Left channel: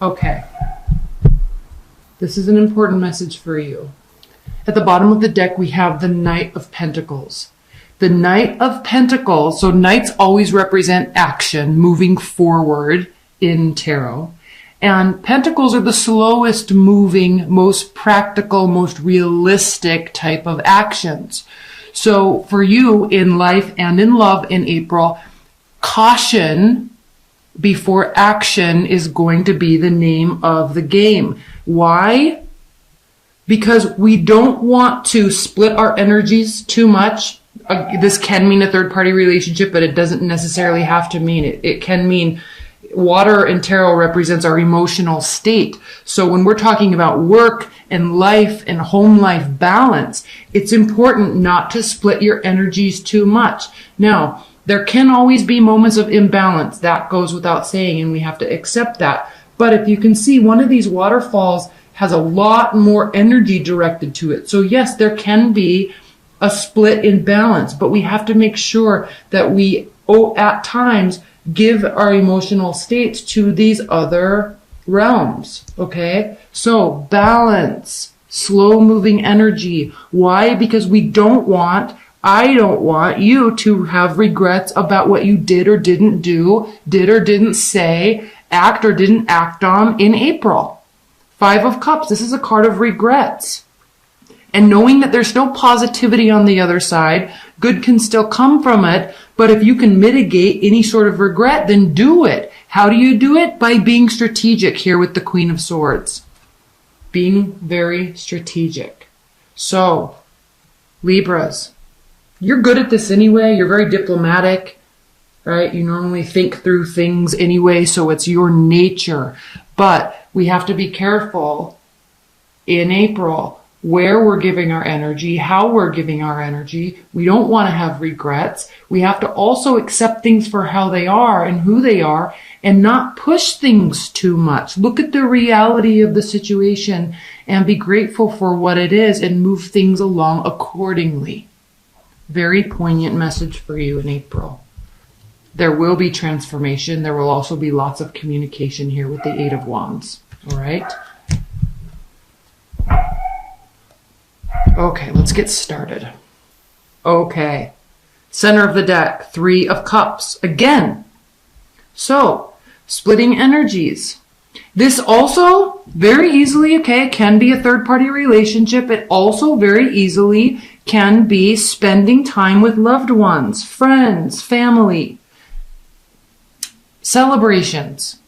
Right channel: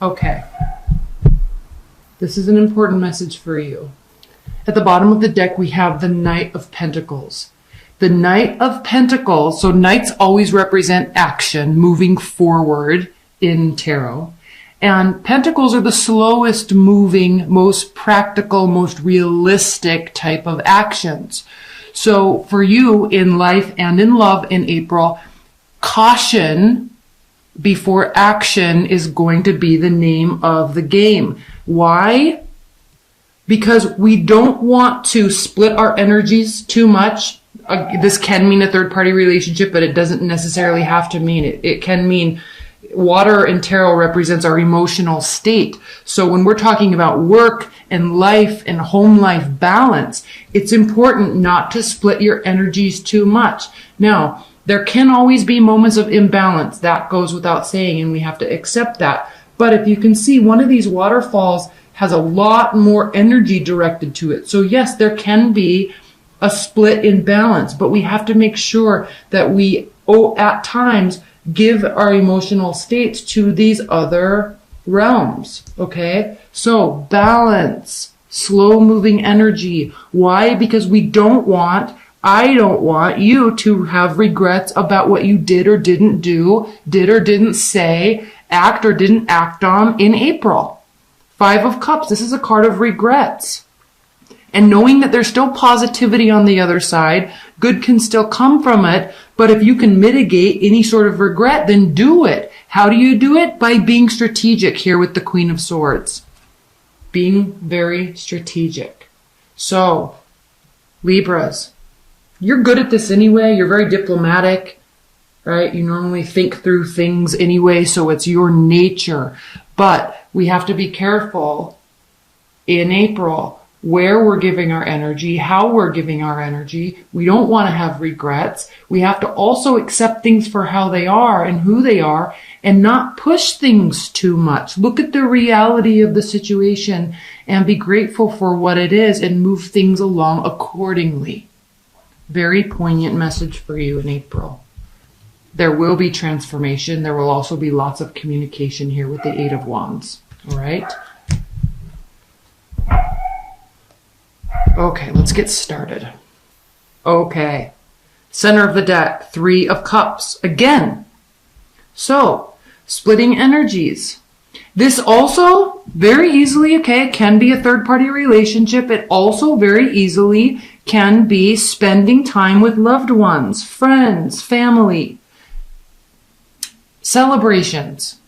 Okay. This is an important message for you. At the bottom of the deck, we have the Knight of Pentacles. The Knight of Pentacles, so knights always represent action, moving forward in tarot. And pentacles are the slowest moving, most practical, most realistic type of actions. So for you in life and in love in April, caution before action is going to be the name of the game. Why? Because we don't want to split our energies too much. This can mean a third-party relationship, but it doesn't necessarily have to mean it. It can mean water and tarot represents our emotional state. So when we're talking about work and life and home life balance, it's important not to split your energies too much. Now, there can always be moments of imbalance. That goes without saying, and we have to accept that. But if you can see, one of these waterfalls has a lot more energy directed to it. So yes, there can be a split in balance, but we have to make sure that we, at times, give our emotional states to these other realms, okay? So balance, slow moving energy. Why? Because I don't want you to have regrets about what you did or didn't do, did or didn't say, act or didn't act on in April. 5 of Cups, this is a card of regrets. And knowing that there's still positivity on the other side, good can still come from it, but if you can mitigate any sort of regret, then do it. How do you do it? By being strategic here with the Queen of Swords. Being very strategic. So, Libras, you're good at this anyway. You're very diplomatic, right? You normally think through things anyway, so it's your nature. But we have to be careful in April where we're giving our energy, how we're giving our energy. We don't want to have regrets. We have to also accept things for how they are and who they are and not push things too much. Look at the reality of the situation and be grateful for what it is and move things along accordingly. Very poignant message for you in April. There will be transformation. There will also be lots of communication here with the 8 of Wands. All right? Okay, let's get started. Okay. Center of the deck, 3 of Cups. Again. So, splitting energies. This also very easily, okay, can be a third-party relationship. It also very easily can be spending time with loved ones, friends, family. Celebrations.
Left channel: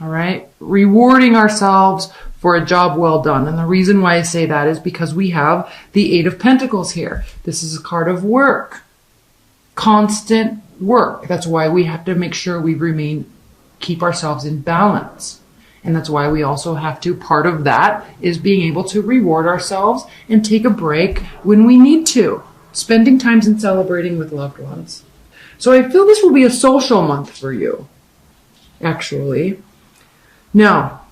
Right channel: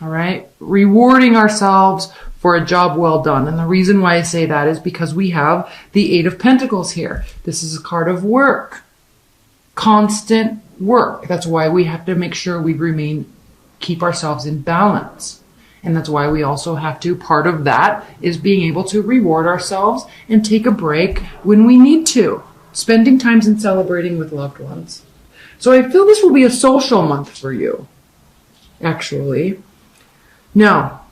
All right? Rewarding ourselves for a job well done. And the reason why I say that is because we have the 8 of Pentacles here. This is a card of work. Constant work. That's why we have to make sure we keep ourselves in balance. And that's why we also have to, part of that is being able to reward ourselves and take a break when we need to. Spending time and celebrating with loved ones. So I feel this will be a social month for you, actually. Now,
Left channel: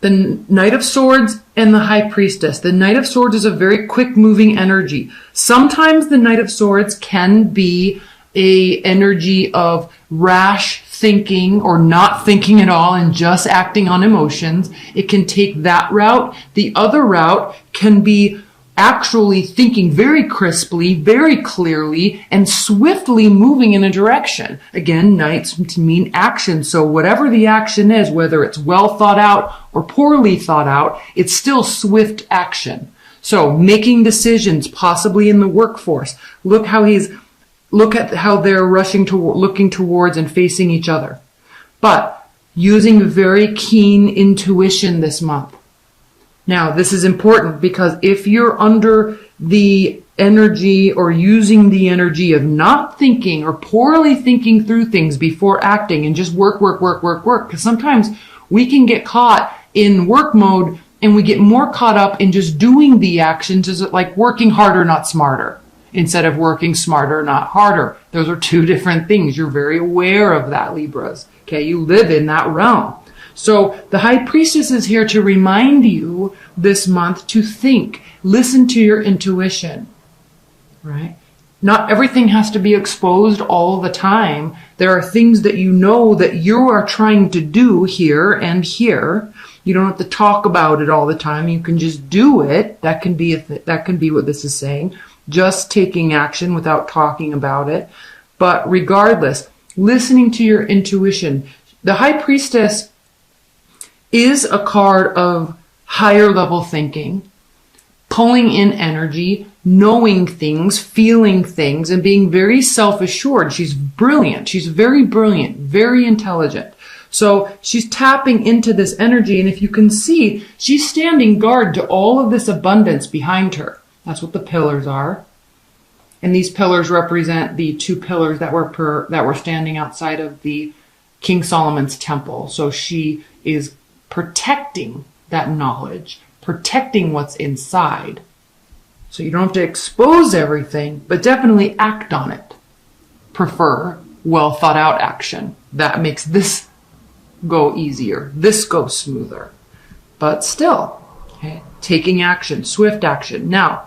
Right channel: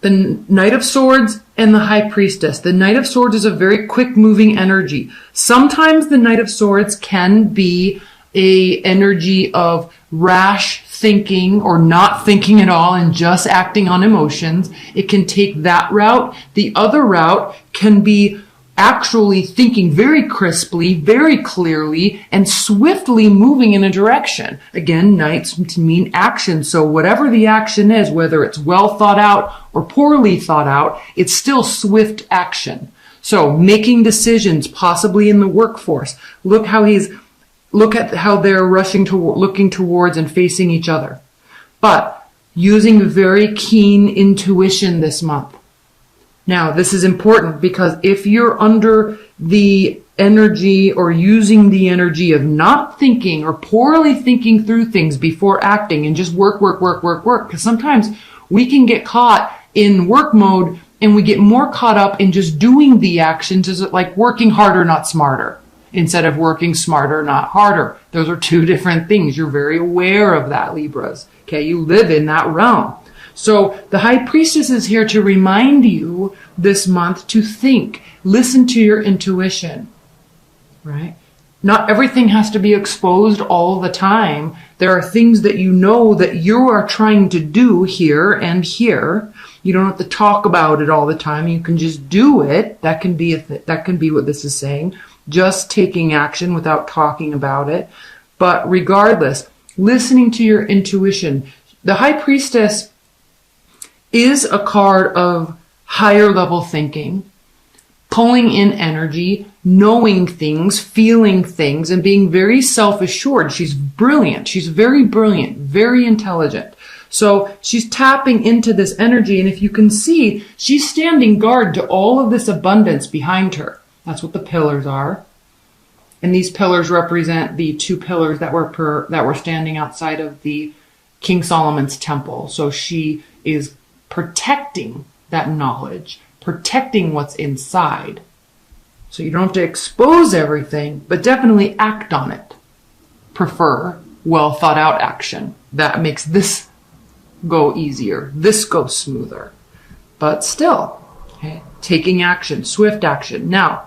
the Knight of Swords and the High Priestess. The Knight of Swords is a very quick moving energy. Sometimes the Knight of Swords can be a energy of rash thinking or not thinking at all and just acting on emotions. It can take that route. The other route can be actually thinking very crisply, very clearly, and swiftly moving in a direction. Again, knights mean action. So whatever the action is, whether it's well thought out or poorly thought out, it's still swift action. So making decisions, possibly in the workforce. Look at how they're looking towards and facing each other. But using very keen intuition this month. Now, this is important because if you're under the energy or using the energy of not thinking or poorly thinking through things before acting and just work, because sometimes we can get caught in work mode and we get more caught up in just doing the actions, is it like working harder, not smarter, instead of working smarter, not harder. Those are two different things. You're very aware of that, Libras. Okay, you live in that realm. So the High Priestess is here to remind you this month to think, listen to your intuition, right? Not everything has to be exposed all the time. There are things that you know that you are trying to do here and here. You don't have to talk about it all the time. You can just do it. That can be what this is saying. Just taking action without talking about it. But regardless, listening to your intuition. The High Priestess is a card of higher level thinking, pulling in energy, knowing things, feeling things, and being very self-assured. She's brilliant. She's very brilliant, very intelligent. So she's tapping into this energy, and if you can see, she's standing guard to all of this abundance behind her. That's what the pillars are. And these pillars represent the two pillars that were standing outside of the King Solomon's temple. So she is protecting that knowledge, protecting what's inside. So you don't have to expose everything, but definitely act on it. Prefer well thought out action. That makes this go easier. This goes smoother. But still, okay, taking action, swift action. Now,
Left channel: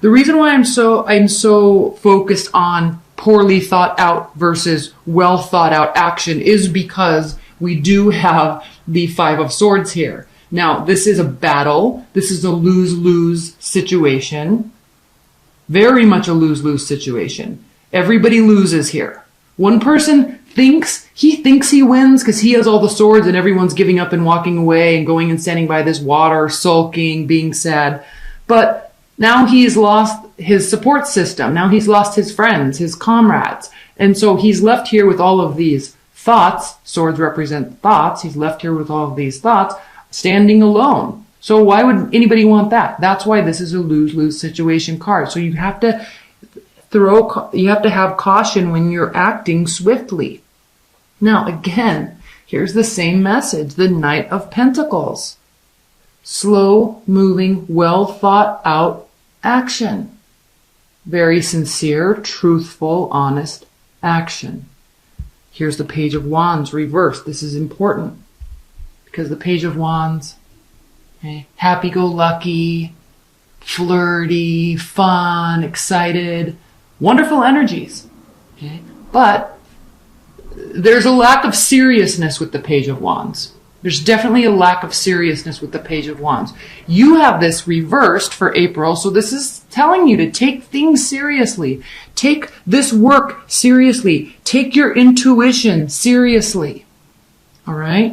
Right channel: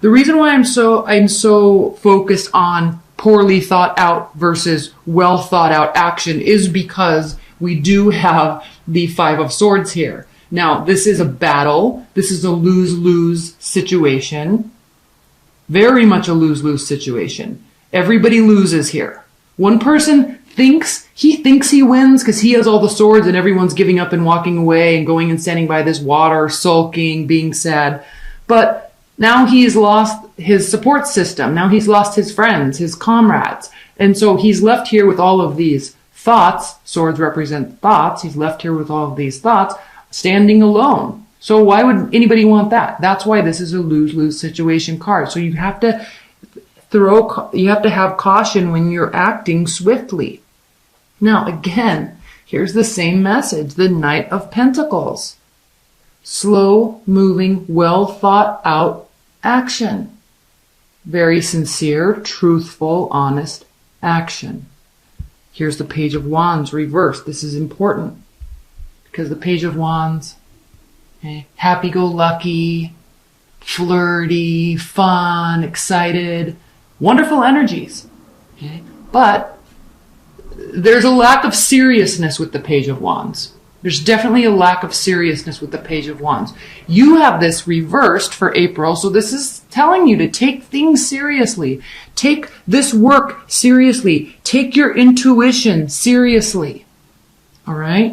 the reason why I'm so focused on poorly thought out versus well thought out action is because we do have the Five of Swords here. Now, this is a battle. This is a lose-lose situation. Very much a lose-lose situation. Everybody loses here. One person thinks he wins because he has all the swords and everyone's giving up and walking away and going and standing by this water, sulking, being sad. But now he's lost his support system. Now he's lost his friends, his comrades. And so he's left here with all of these thoughts. Swords represent thoughts. He's left here with all of these thoughts, standing alone. So why would anybody want that? That's why this is a lose-lose situation card. So you have to have caution when you're acting swiftly. Now, again, here's the same message, the Knight of Pentacles. Slow moving, well thought out action. Very sincere, truthful, honest action. Here's the Page of Wands reversed. This is important because the Page of Wands, okay, happy-go-lucky, flirty, fun, excited, wonderful energies. Okay? But there's a lack of seriousness with the Page of Wands. There's definitely a lack of seriousness with the Page of Wands. You have this reversed for April, so this is telling you to take things seriously. Take this work seriously. Take your intuition seriously. All right?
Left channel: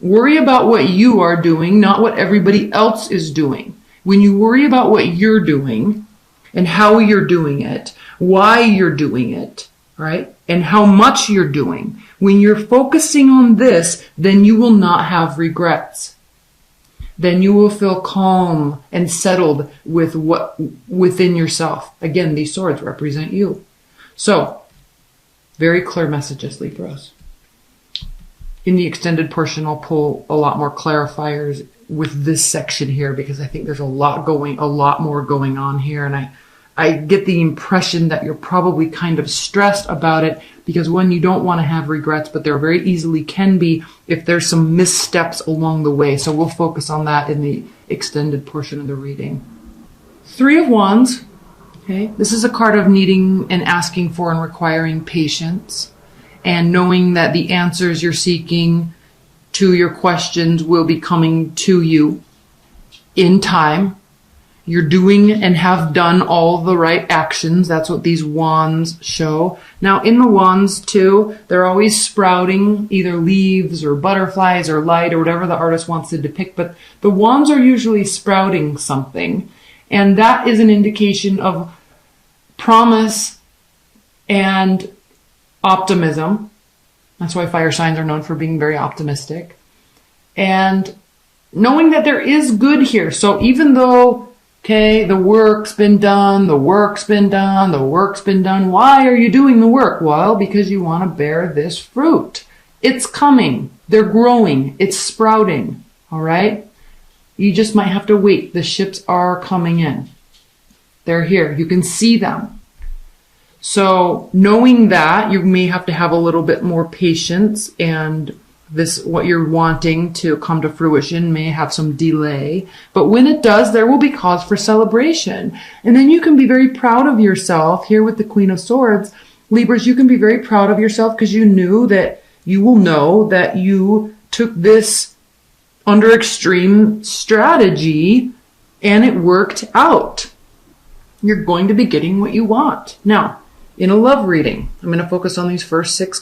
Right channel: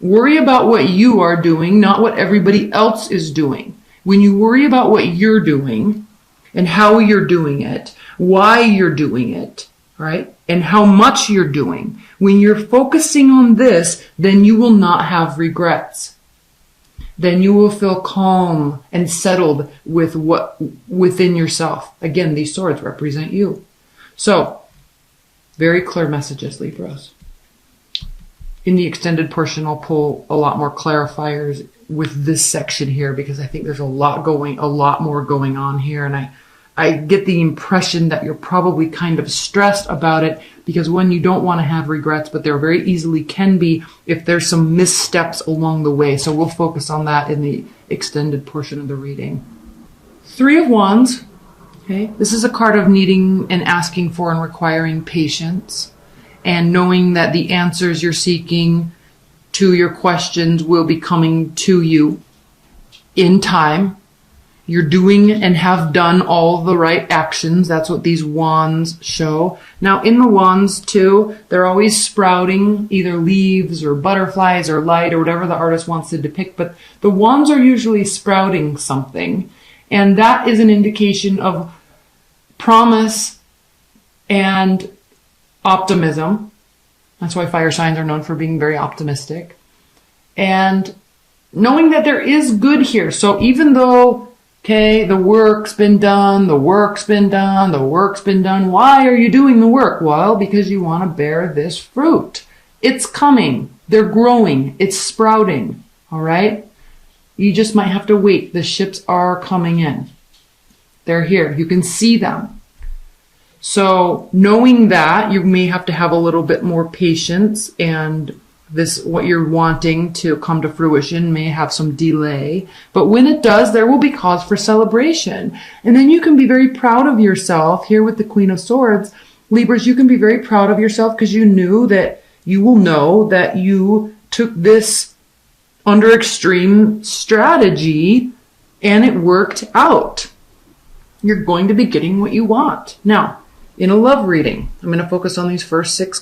Worry about what you are doing, not what everybody else is doing. When you worry about what you're doing and how you're doing it, why you're doing it, right? And how much you're doing. When you're focusing on this, then you will not have regrets. Then you will feel calm and settled with what within yourself. Again, these swords represent you. So, very clear messages, Libras. In the extended portion, I'll pull a lot more clarifiers with this section here because I think there's a lot more going on here, and I get the impression that you're probably kind of stressed about it because, one, you don't want to have regrets, but there very easily can be if there's some missteps along the way. So we'll focus on that in the extended portion of the reading. Three of Wands. Okay, this is a card of needing and asking for and requiring patience and knowing that the answers you're seeking to your questions will be coming to you in time. You're doing and have done all the right actions. That's what these wands show. Now, in the wands, too, they're always sprouting either leaves or butterflies or light or whatever the artist wants to depict. But the wands are usually sprouting something. And that is an indication of promise and optimism. That's why fire signs are known for being very optimistic. And knowing that there is good here. So even though, okay, the work's been done. Why are you doing the work? Well, because you want to bear this fruit. It's coming. They're growing. It's sprouting. All right? You just might have to wait. The ships are coming in. They're here. You can see them. So knowing that, you may have to have a little bit more patience, and this, what you're wanting to come to fruition, may have some delay. But when it does, there will be cause for celebration. And then you can be very proud of yourself here with the Queen of Swords Libras, you can be very proud of yourself because you knew that you will know that you took this under extreme strategy and it worked out. You're going to be getting what you want. Now, in a love reading, I'm going to focus on these first 7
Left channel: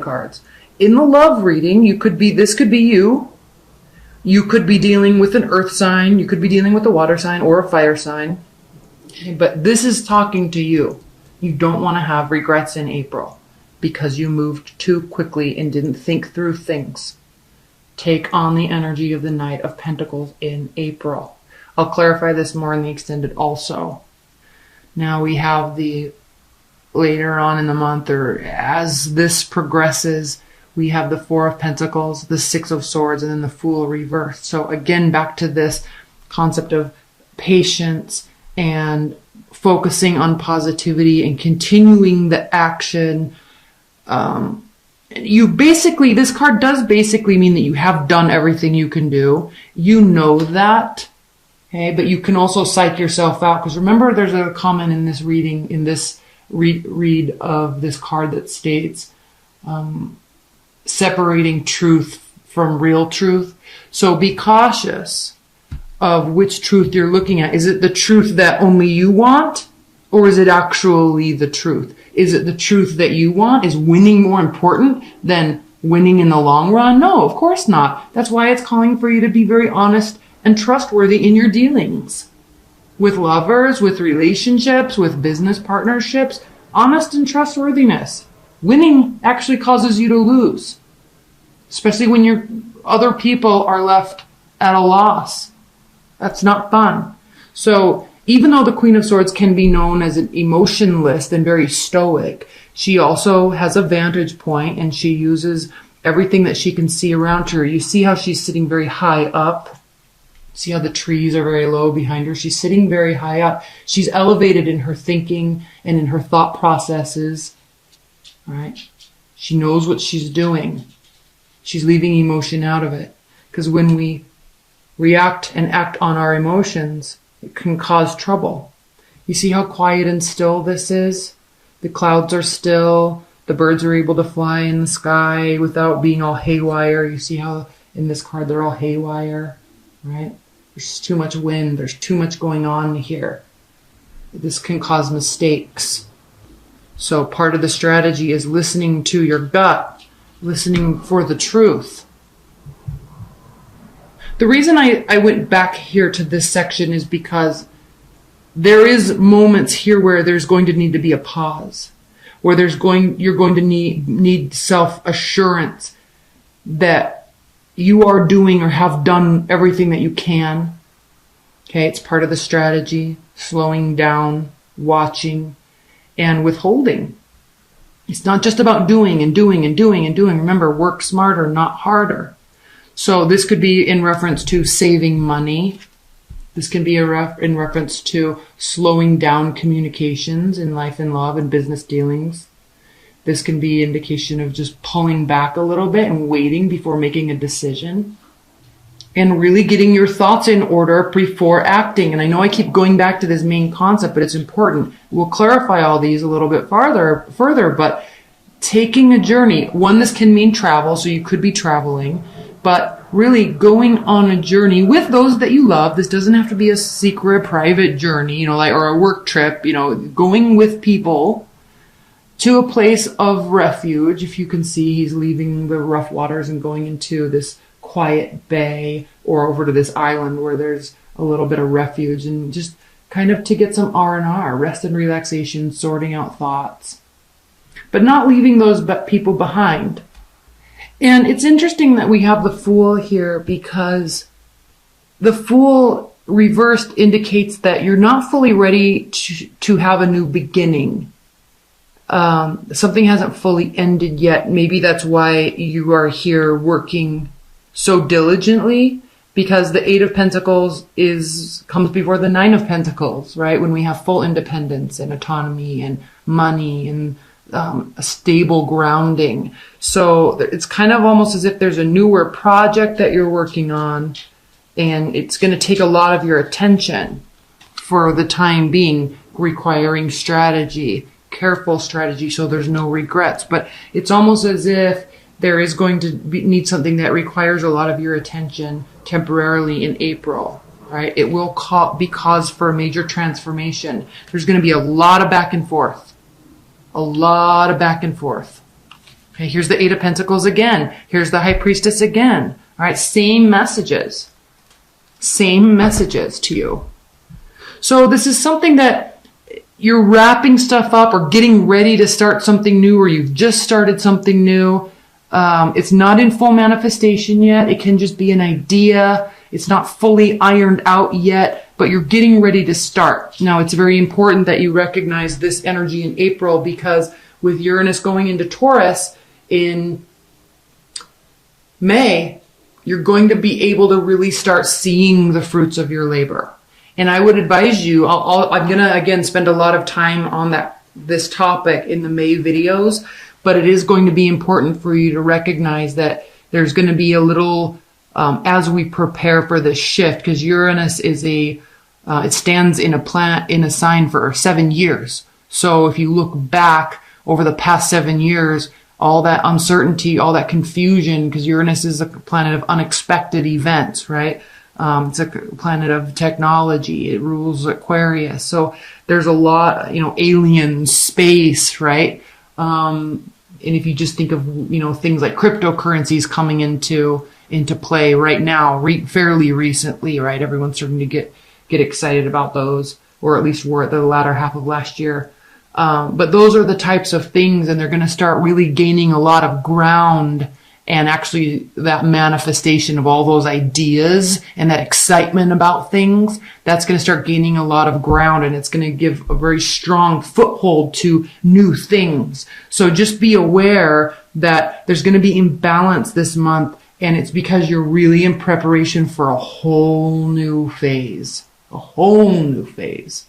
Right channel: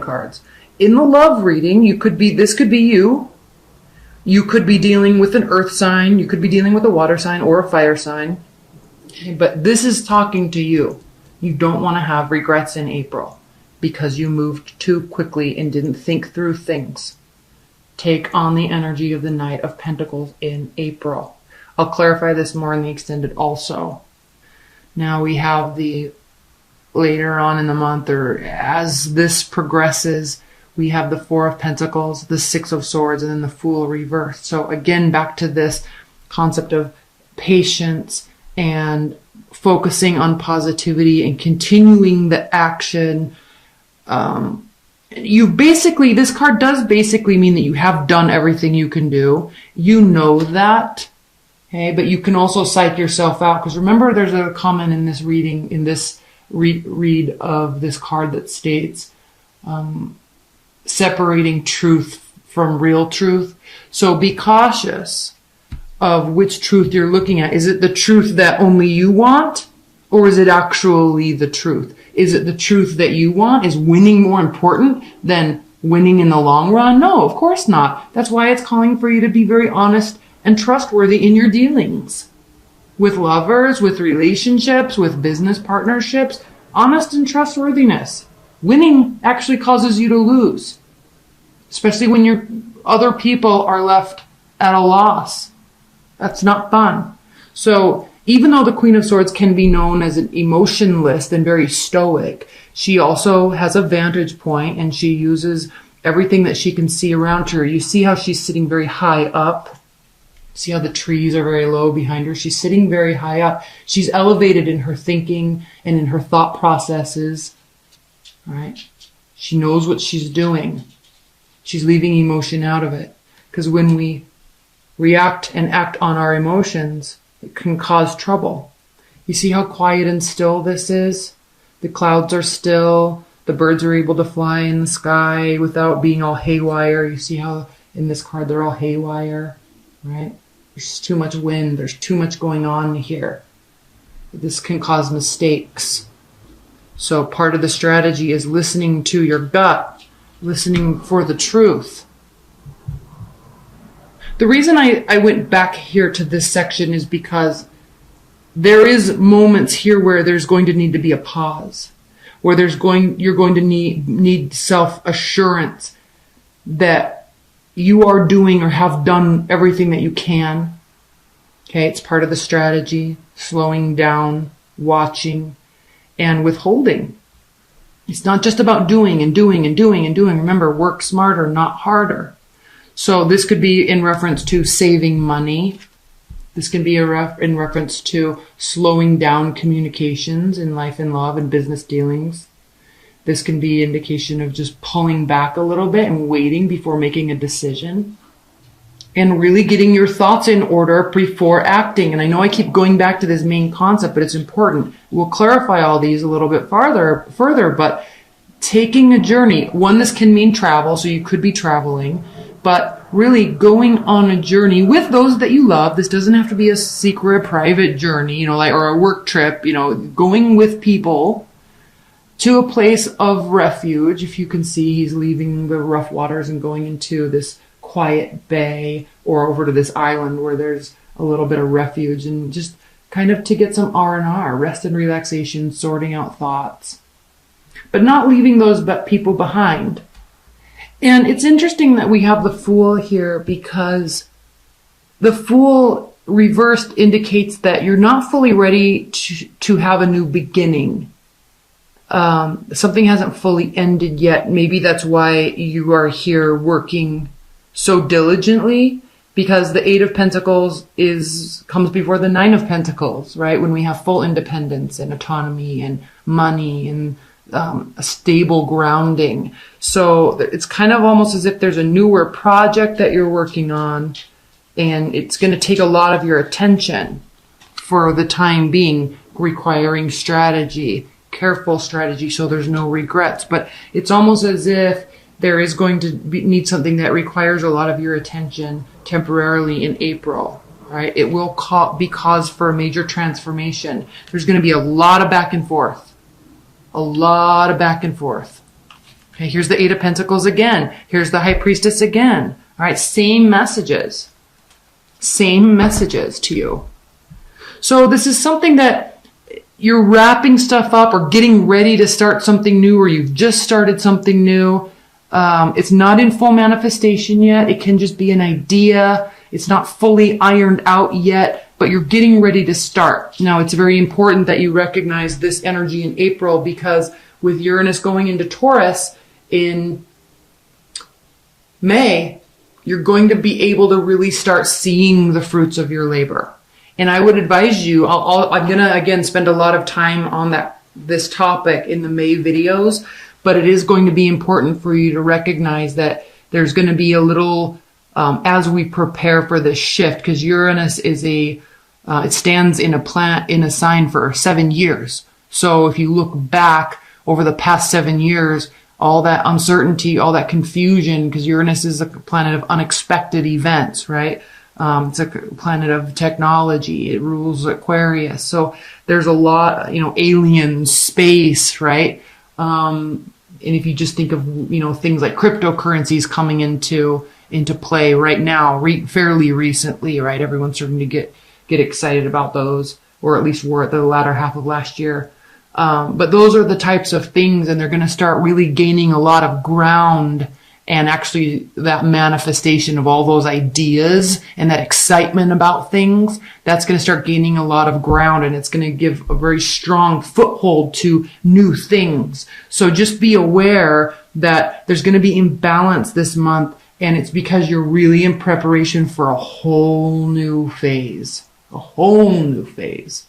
cards. In the love reading, this could be you. You could be dealing with an earth sign. You could be dealing with a water sign or a fire sign. Okay, but this is talking to you. You don't want to have regrets in April because you moved too quickly and didn't think through things. Take on the energy of the Knight of Pentacles in April. I'll clarify this more in the extended also. Now we have later on in the month, or as this progresses, we have the 4 of Pentacles, the 6 of Swords, and then the Fool reversed. So again, back to this concept of patience and focusing on positivity and continuing the action. This card does basically mean that you have done everything you can do. You know that. Okay, but you can also psych yourself out. Because remember, there's a comment in this reading, in this read of this card that states, separating truth from real truth. So be cautious of which truth you're looking at. Is it the truth that only you want? Or is it actually the truth? Is it the truth that you want? Is winning more important than winning in the long run? No, of course not. That's why it's calling for you to be very honest and trustworthy in your dealings. With lovers, with relationships, with business partnerships, honest and trustworthiness. Winning actually causes you to lose. Especially when other people are left at a loss. That's not fun. So, even though the Queen of Swords can be known as an emotionless and very stoic, she also has a vantage point and she uses everything that she can see around her. You see how she's sitting very high up? See how the trees are very low behind her? She's sitting very high up. She's elevated in her thinking and in her thought processes. All right? She knows what she's doing. She's leaving emotion out of it. Because when we react and act on our emotions, it can cause trouble. You see how quiet and still this is? The clouds are still. The birds are able to fly in the sky without being all haywire. You see how in this card they're all haywire, right? There's too much wind. There's too much going on here. This can cause mistakes. So part of the strategy is listening to your gut, listening for the truth. The reason I went back here to this section is because there is moments here where there's going to need to be a pause, where you're going to need self-assurance that you are doing or have done everything that you can. Okay, it's part of the strategy, slowing down, watching, and withholding. It's not just about doing and doing and doing and doing. Remember, work smarter, not harder. So this could be in reference to saving money. This can be in reference to slowing down communications in life and love and business dealings. This can be an indication of just pulling back a little bit and waiting before making a decision. And really getting your thoughts in order before acting. And I know I keep going back to this main concept, but it's important. We'll clarify all these a little bit further, but taking a journey. One, this can mean travel, so you could be traveling, but really going on a journey with those that you love. This doesn't have to be a secret, private journey, or a work trip, going with people to a place of refuge. If you can see, he's leaving the rough waters and going into this quiet bay or over to this island where there's a little bit of refuge, and just kind of to get some R&R, rest and relaxation, sorting out thoughts, but not leaving those people behind. And it's interesting that we have the Fool here, because the Fool reversed indicates that you're not fully ready to have a new beginning. Something hasn't fully ended yet. Maybe that's why you are here working so diligently, because the 8 of Pentacles comes before the 9 of Pentacles, right? When we have full independence and autonomy and money and a stable grounding. So it's kind of almost as if there's a newer project that you're working on, and it's going to take a lot of your attention for the time being, requiring strategy, careful strategy so there's no regrets. But it's almost as if there is going to need something that requires a lot of your attention temporarily in April, right? It will be cause for a major transformation. There's going to be a lot of back and forth. A lot of back and forth. Okay, here's the Eight of Pentacles again. Here's the High Priestess again. All right, same messages. Same messages to you. So this is something that you're wrapping stuff up or getting ready to start something new, or you've just started something new. It's not in full manifestation yet. It can just be an idea. It's not fully ironed out yet, but you're getting ready to start. Now, it's very important that you recognize this energy in April, because with Uranus going into Taurus in May, you're going to be able to really start seeing the fruits of your labor. And I would advise you, I'm going to, again, spend a lot of time on this topic in the May videos, but it is going to be important for you to recognize that there's going to be a little, as we prepare for this shift, because Uranus is it stands in a sign for 7 years. So if you look back over the past 7 years, all that uncertainty, all that confusion, because Uranus is a planet of unexpected events, right? It's a planet of technology. It rules Aquarius. So there's a lot, alien space, right? And if you just think of, things like cryptocurrencies coming into play right now, fairly recently, right? Everyone's starting to get excited about those, or at least were at the latter half of last year. But those are the types of things, and they're going to start really gaining a lot of ground, and actually that manifestation of all those ideas and that excitement about things, that's going to start gaining a lot of ground, and it's going to give a very strong foothold to new things. So just be aware that there's going to be imbalance this month, and it's because you're really in preparation for a whole new phase. A whole new phase.